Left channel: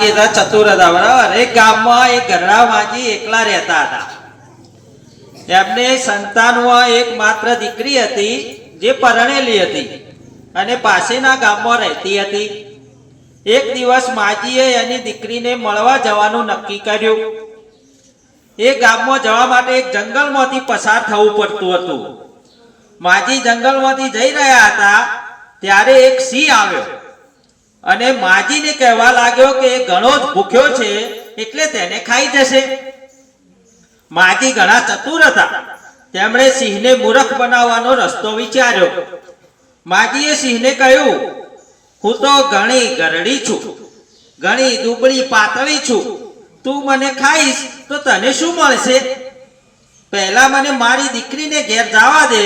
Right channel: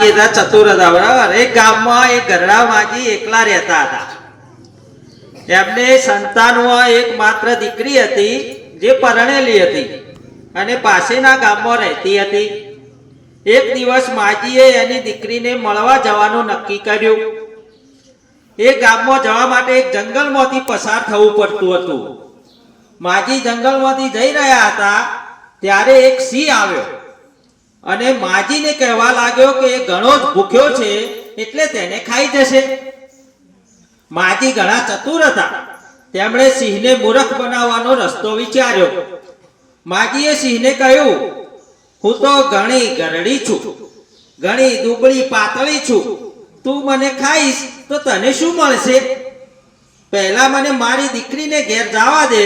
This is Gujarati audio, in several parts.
ચતુર હતા બરાબર. એક ગામમાં એક ગરડા માજી એકલા રહેતા હતા. એમને સંતાનમાં એક માત્ર દીકરી હતી જે પરણેલી હતી અને પાસેના ગામમાં રહેતી હતી. એક દિવસ માજીએ એની દીકરીને મળવા જવાનું નક્કી કર્યું. એ ગામમાં જવા માટે એક જંગલમાંથી પસાર થવું પડતું હતું. માજી જંગલમાંથી જઈ રહ્યા હતા ત્યારે એક સિંહ આવ્યો અને માજીને કહેવા લાગ્યો કે ઘણો જ ભૂખ્યો છે એટલે તેને ખાઈ જશે. માજી ઘણા ચતુર હતા. તેમણે સિંહને મૂર્ખ બનાવવાનો રસ્તો વિચાર્યો. માજીએ સિંહને કહ્યું, હું તો ઘણી ગરડી છું, ઘણી દુબળી પાતળી છું, તું મને ખાઈશ તો તને શું મળશે? પહેલા મને મારી દીકરીને ઘેર જવા દે,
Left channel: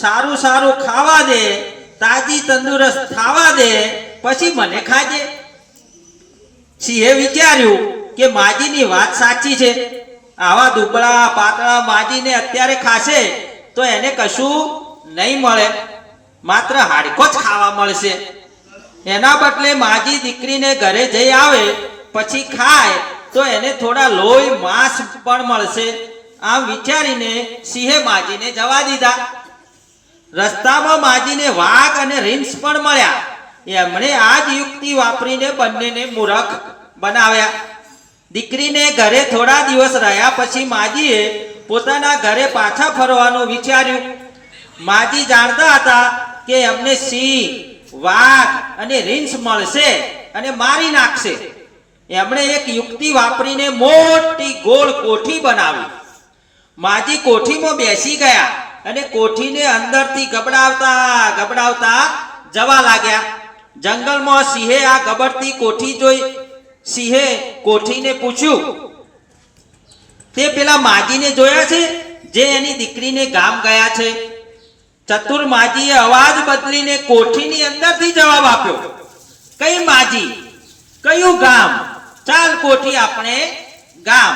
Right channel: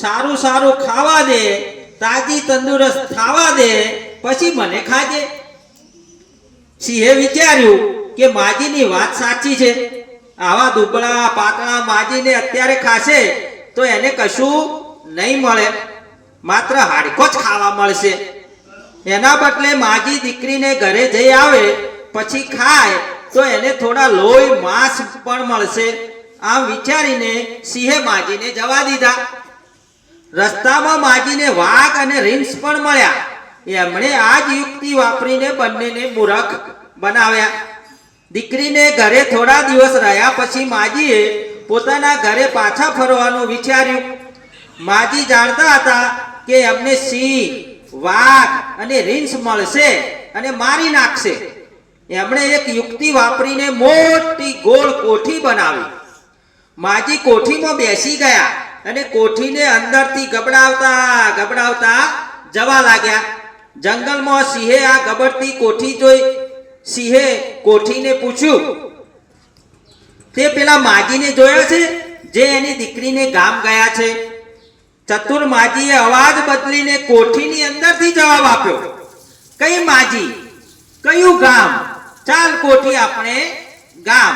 સારું સારું ખાવા દે, તાજી તંદુરસ્ત ખાવા દે, પછી મને ખાજે. સિંહે વિચાર્યું કે માજીની વાત સાચી છે. આવા દુબળા પાતળા માજીને અત્યારે ખાશે તો એને કશું નહીં મળે, માત્ર હાડકો જ ખાવા મળશે. એના બદલે માજી દીકરીને ઘરે જઈ આવે પછી ખાય તો એને થોડા લોહી માંસ પણ મળશે. આમ વિચારીને સિંહે માજીને જવા દીધા. રસ્તામાં માજીને વાઘ અને રીંછ પણ મળ્યા. એમણે આ જ યુક્તિ વાપરીને બંનેને મૂર્ખ બનાવ્યા. દીકરીને ઘરે થોડા દિવસ રહ્યા પછી માજીએ પોતાના ઘરે પાછા ફરવાનું વિચાર્યું. માજી જાણતા હતા કે એમને સિંહ, વાઘ અને રીંછ મળશે અને મારી નાખશે. એમણે એક યુક્તિ વાપરીને મોટી ગોળ કોઠી બનાવી. માજી કોઠીમાં બેસી ગયા અને કોઠીને અંદરથી ગબડાવતા ગબડાવતા જવા લાગ્યા. જંગલમાં સિંહે આ ગબડતી કોઠી જોઈ. સિંહે કોઠીને પૂછ્યું, તે પેલા માજીને જોયા છે જે એની દીકરીને ગામ ગયા છે? ચતુર માજીએ અવાજ બદલીને કોઠીની અંદરથી જવાબ આપ્યો, કઈ માજી, કયું ગામ? ચાલ કોઠી, આપણે ગામ.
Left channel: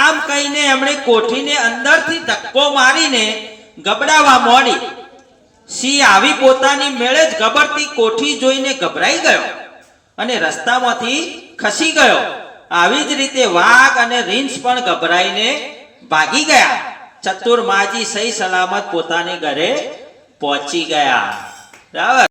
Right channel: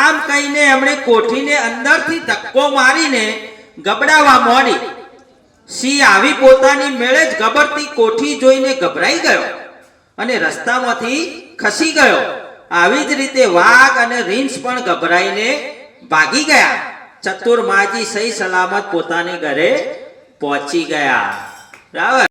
આમ કહીને એમણે કોઠીને અંદરથી ધક્કો મારીને ગબડાવવા માંડી. સિંહ આવી પોતાની મેળે જ ગબડતી કોઠી જોઈને ગભરાઈ ગયો અને રસ્તામાંથી ખસી ગયો. આવી જ રીતે વાઘ અને રીંછ પણ ગભરાઈને ભાગી ગયા. ચતુર માજી સહી સલામત પોતાને ઘરે પહોંચી ગયા. બરાબર.